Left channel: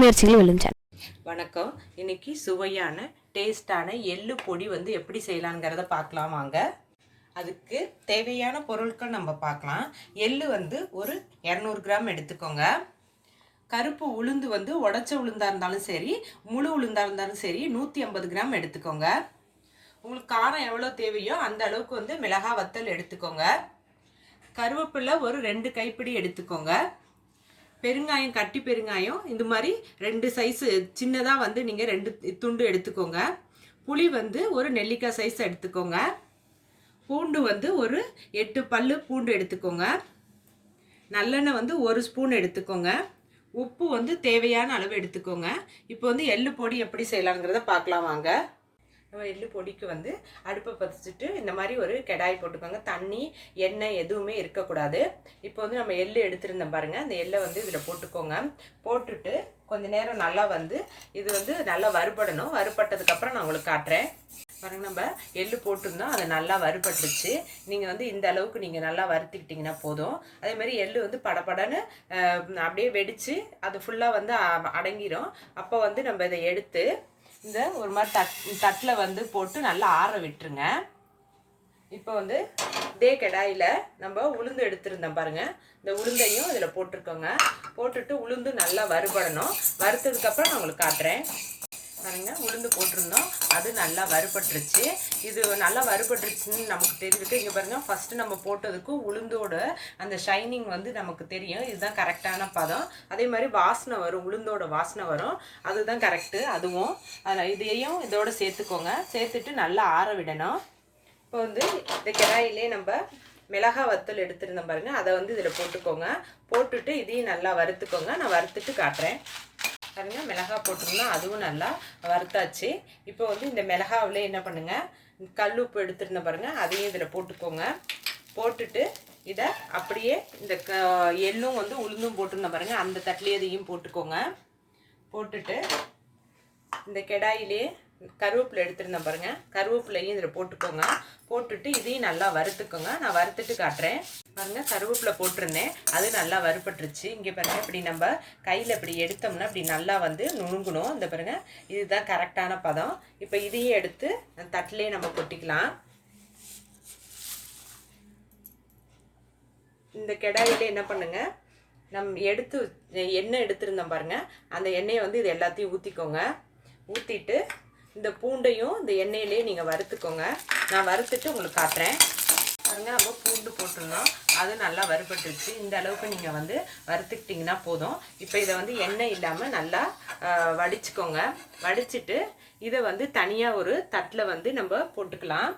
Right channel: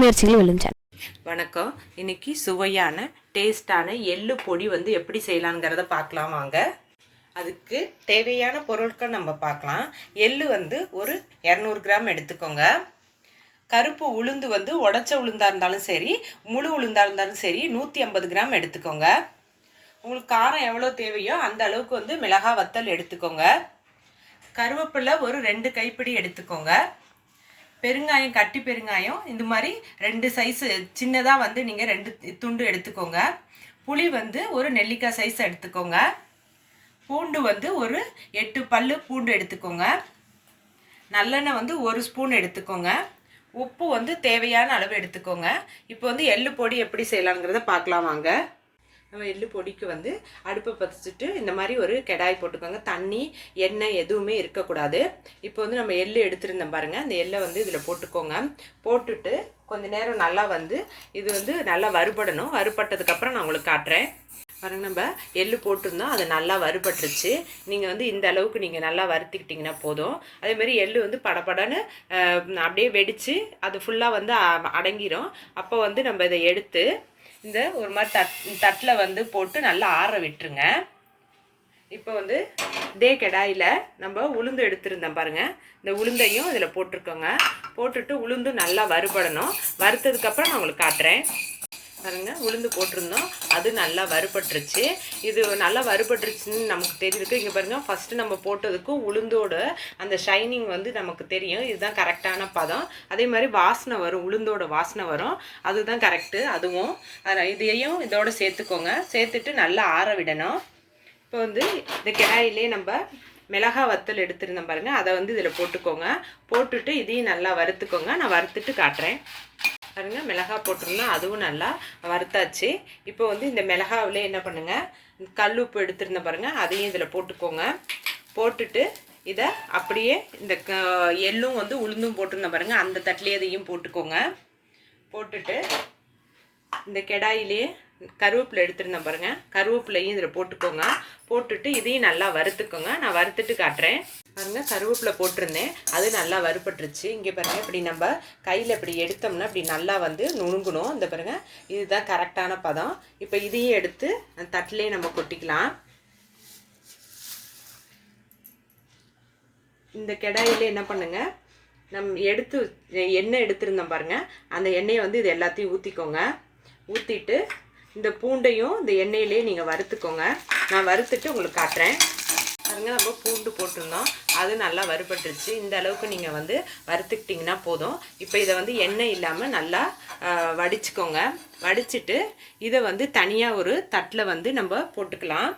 முயற்சிகளும் விழுந்தன வணக்கம். இன்னைக்கு சுவையான டேஸ்டான எள்ளு பொடி வந்து எப்படி செய்யலாங்கிறத பார்க்கலாம் வாங்க. அதுக்கு தேவையான பொருட்கள் நம்ம பார்க்கலாம். எள்ளு வந்து ஒரு இரநூறு கிராம் எடுத்துக்கோங்க. கருப்பு உளுந்து வந்து உடச்ச உளுந்தாக இருந்தாலும் சரி முழு உளுந்தாக இருந்தாலும் சரி நூற்றி ஐம்பது கிராம் எடுத்துக்கோங்க. உங்களுக்கு காரம் எவ்வளோ தேவையோ அந்த அளவுக்கு வந்து மிளகா வத்தல் எடுத்துக்கோங்க. கருவேப்பிலை ஒரு ரெண்டு கைப்பிடி எடுத்துக்கோங்க. பெருங்காயம் கட்டி பெருங்காயம் இந்த மாதிரி ரெண்டு சைஸு சின்னதாக வந்து நீங்கள் ரெண்டு துண்டு எடுத்துக்கோங்க. புளி வந்து ஒரு நெல்லிக்காய் சைஸ் எடுத்துக்கோங்க. பூண்டு வந்து ஒரு எட்டு பல்லு பூண்டு எடுத்துக்கோங்க. நல்லெண்ணெய் வந்து ஒரு ஸ்பூன் எடுத்துக்கோங்க. உப்பு வந்து தேவையான அளவு எடுத்துக்கோங்க. இப்போ வந்து எள்ளு பொடி எப்படி செய்யலாங்கிறத பார்க்கலாம் வாங்க. நம்ம எள்ளு பொடிக்கு வந்து அடுப்பை பற்றிச்சிட்டு இந்த மாதிரி ஒரு கெடாய் போட்டுக்கோங்க. தண்ணி எண்ணெய் எதுவுமே இருக்கக்கூடாது. இப்போ வந்து நம்ம எள்ளு எடுத்துருந்தோம் பாருங்கள் அந்த எள்ளை வந்து இதில் போட்டுக்கோங்க. போட்டுட்டு கொஞ்ச நேரம் நல்லா வந்து இது வந்து நல்லா வறுபடணும். வறுபட்டதுக்கப்புறம் நான் உங்களுக்கு காட்டுறேன். பாருங்க நம்ம எள்ளு போட்டிருந்தோம். அது நல்லா வறுபட்டுருச்சு. நீங்கள் வந்து இந்த அளவுக்கு நீங்கள் நல்லா வறுத்துக்கிட்டிங்கன்னா போதும். அதே மாதிரி எள்ளு வந்து படப்படன்னு அப்படியே வெடித்து அது ஃபுல்லாக வந்து அடங்கிரும். அப்போ வந்து நம்ம இதை எடுத்து இந்த ஒரு மாதிரி தட் தட்டில் வந்து போட்டு நல்லா ஆற விட்டுருங்க. இப்போ வந்து இதே கடாயில் நம்ம உளுந்து எடுத்திருந்தோம் பாருங்கள் இந்த உளுந்தையும் இதில் போட்டிருக்கோங்க. போட்டுட்டு உளுந்து நல்லா வறுபடணும். வறுத்ததுக்கப்புறம் நான் உங்களுக்கு காட்டுறேன். பாருங்க உளுந்து போட்டிருந்தோம். அது நல்லா வறுபட்டுருச்சு. இது நல்லா வறுபட்டுருச்சுன்னு நமக்கு தெரியுது இங்கே பாருங்க ஃபஸ்ட்டு நம்ம போட்டதுக்கும் உளுந்தோட அந்த ஷைனிங் வந்து நமக்கு தெரியும். இதுதான் கரெக்டான பதம். அதே மாதிரி வாசனை வரும் உளுந்தோட வாசனை வரும். அதுதான் கரெக்டு அதுவும். இதையும் இதோட சேர்த்துக்கோங்க. சேர்த்துட்டு நல்லா ஆற விடணும். இப்போ வந்து இந்த கிடாயிலே நம்ம மிளகா வத்தல் எடுத்துருந்தோம் பாருங்கள் அதை வந்து இதில் போட்டுக்கோங்க. போட்டுட்டு இதையும் நல்லா வறுத்துக்கோங்க. நான் வறுத்துட்டு காட்டுறேன். பாருங்க மிளகா போட்டிருந்தோம் அதுவும் நல்லா வறுத்தாச்சு. இப்போ வந்து இந்த மிளகாவில் என்ன பண்ணுங்கள் கல் உப்பு எடுத்துருந்தேன் பாருங்கள் அதையும் இதில் போட்டுக்கோங்க. போட்டுட்டு இதை அப்படியே இந்த க- எள்ளும் வந்து உளுந்தும் போட்டிருந்தேன் பாருங்கள் அந்த தட்டிலே இதையும் போட்டுக்கோங்க. போட்டுட்டு இந்த கெடாயிலே கருவேப்பிலை எடுத்துருந்தேன் பாருங்க. கருவேப்பிலையும் இதில் போட்டுக்கோங்க. போட்டுட்டு இதையும் நல்லா வறுத்துக்கோங்க. நான் வறுத்துட்டு காட்டுறேன். பாருங்க கருவேப்பிலை போட்டிருந்தேன். அது நல்லா வறுபட்டுருச்சு. இங்கே பாருங்க இப்படி நம்ம கையில் இப்படி எடுத்தோம்னா இப்படி நல்லா வந்து நுணுங்கணும். இந்த பாருங்க இதுதான் கரெக்டான பதம். இப்போ இதையும் எடுத்து அந்த தட்டிலே நம்ம கொட்டிக்கலாம். இந்த கெடாயில என்ன பண்ணுங்க நம் எடுத்து எண்ணெய் எடுத்திருந்தோம் பாருங்க. அந்த எண்ணெயை வந்து இது எல்லாத்தையும் ஊற்றிக்கோங்க ஊற்றிட்டு இந்த பூண்டையும் இந்த எண்ணெயிலே நீங்கள் வறுத்துக்கோங்க. நான் வறுத்துட்டு உங்களுக்கு காட்டுறேன். பாருங்கள் நம்ம பூண்டு போட்டிருந்தோம். அது நல்லா வறுபட்டுருச்சு. இந்த அளவுக்கு நீங்கள் வந்து வறுத்துக்கிட்டிங்கன்னா போதும். இப்போ இதை வந்து எண்ணெய் இல்லாமல் நல்லா வடிச்சுக்கோங்க. வடிச்சிட்டு இதை வந்து தனியாக ஒரு தட்டில் வந்து நம்ம போட்டுக்கலாம்.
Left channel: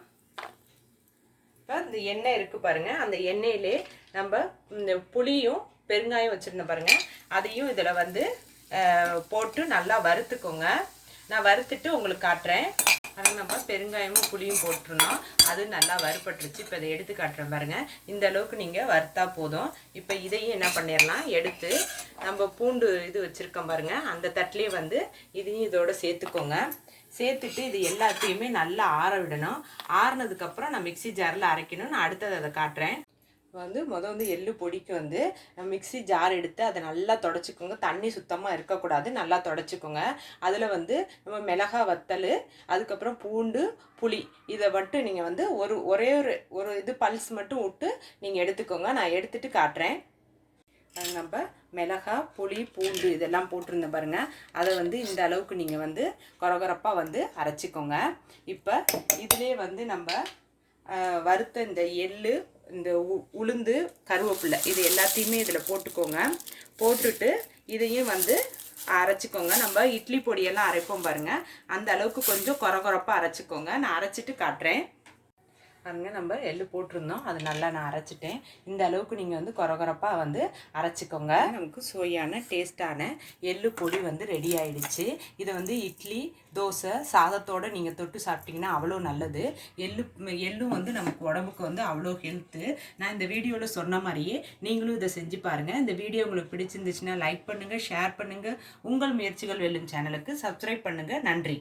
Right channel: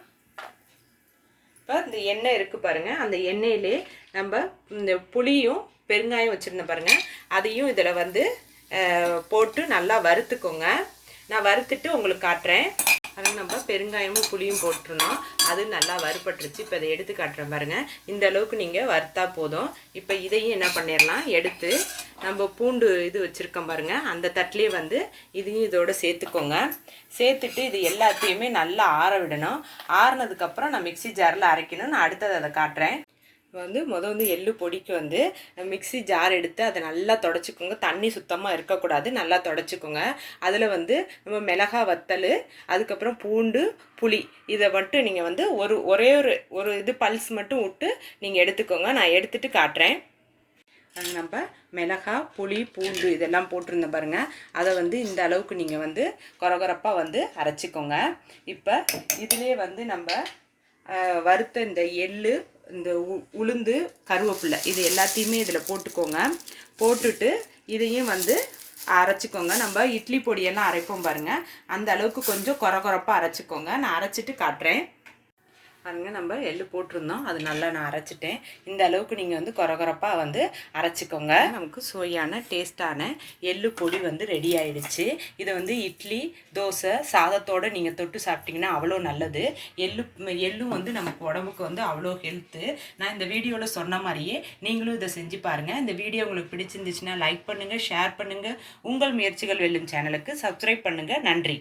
இப்போ இந்த எண்ணெய் இருக்குது பாருங்கள் அந்த எண்ணெயிலே நம்ம இந்த புளியும் பெருங்காயம் வச்சுருந்தேன் பாருங்கள் அதையும் இதில் வந்து போட்டு நல்லா வறுத்துக்கோங்க. நான் வறுத்துட்டு உங்களுக்கு காட்டுறேன். அது நம்ம பெருங்காயமும் புளியும் போட்டிருந்தோம். அது நல்லா வறுபட்டுருச்சு. இப்போ இதை எடுத்து காட்டுறேன் பாருங்க. இந்த அளவுக்கு நீங்கள் வறுத்தா போதும். இப்போ இதையும் என்ன பண்ணிடலாம் எடுத்து நம்ம பூண்டு இது வச்சுருக்கோம் பாருங்கள் அந்த தட்டிலே வந்து இதையும் இதோட சேர்த்துக்கோங்க. சேர்த்துட்டு இது எல்லாத்தையுமே நல்லா ஆற விடணும். ஆறுனதுக்கப்புறம் நான் மிக்ஸி ஜாரில் அரைக்கணும் நான் அடுத்தது அதை காட்டுறேன். இப்போ வந்து மொதல் வந்து எள்ளு பொடிக்கு வந்து மிக்ஸி ஜார் எடுத்து அதை நல்லா தொடச்சிக்கோங்க. தண்ணி சுத்தமாக இருக்கக்கூடாது. நல்லா தொடச்சிக்கோங்க. அதில் வந்து நம்ம மிளகா வத்தல் அதுக்கப்புறம் பூண்டு புளி இதை மட்டும் நீங்கள் வந்து ஒரு ஒரே ஒரு ஒரு இது பல்ஸ் மட்டும் விட்டு நீங்கள் எடுத்துக்கோங்க. நான் எடுத்துகிட்டு காட்டுறேன். நம்ம மிளகா புளி பூண்டு இதெல்லாம் போட்டிருந்தேன் பாருங்கள் அதை வந்து இந்த அளவுக்கு நீங்கள் வந்து கொரகொரப்பாக வந்து அரைச்சிக்கோங்க. இப்போ இதுலேயே வந்து நம்ம வறுத்த இந்த எள்ளு இந்த உ- உளுந்து கருவேப்பிலை இது எல்லாத்தையுமே இதில் போட்டுக்கோங்க. போட்டுட்டு இதையும் வந்து அரைச்சிக்கோங்க. நம்ம இட்லி பொடியெல்லாம் அரைப்போம் பாருங்கள் அந்த அளவுக்கு கொஞ்சம் கொரகொரப்பாக அரைச்சிக்கோங்க. நான் அரைச்சிட்டு காட்டுறேன். பாருங்க நம்ம எள்ளு போட்டிருந்தோம். அது நல்லா நான் அரைச்சிட்டேன். இந்த அளவுக்கு நீங்கள் வந்து குறகுறப்பாக வந்து அரைச்சிக்கோங்க. நமக்கு சுவையான டேஸ்ட்டான எள்ளு பொடி வந்து ரெடி ஆயிடுச்சு. இதை வந்து இட்லி தோசை சாதத்தோட நீங்கள் தொட்டு சாப்பிட்டீங்கன்னா அவ்வளோ நல்லது. எள்ளு எள்ளும் வந்து நமக்கு உடம்புக்கு வந்து அவ்வளோ ஹெல்த்து நான் இந்த வீடியோவில் சொன்ன மாதிரியே நீங்களும் இதை செஞ்சு பாருங்கள் இந்த வீடியோ உங்களுக்கு பிடிச்சிருந்துச்சுன்னா லைக் பண்ணுங்கள் ஷேர் பண்ணுங்கள் உங்கள் முயற்சிகள் வெல்லும் சேனலுக்கு சப்ஸ்கிரைப் பண்ணுங்கள் நன்றி.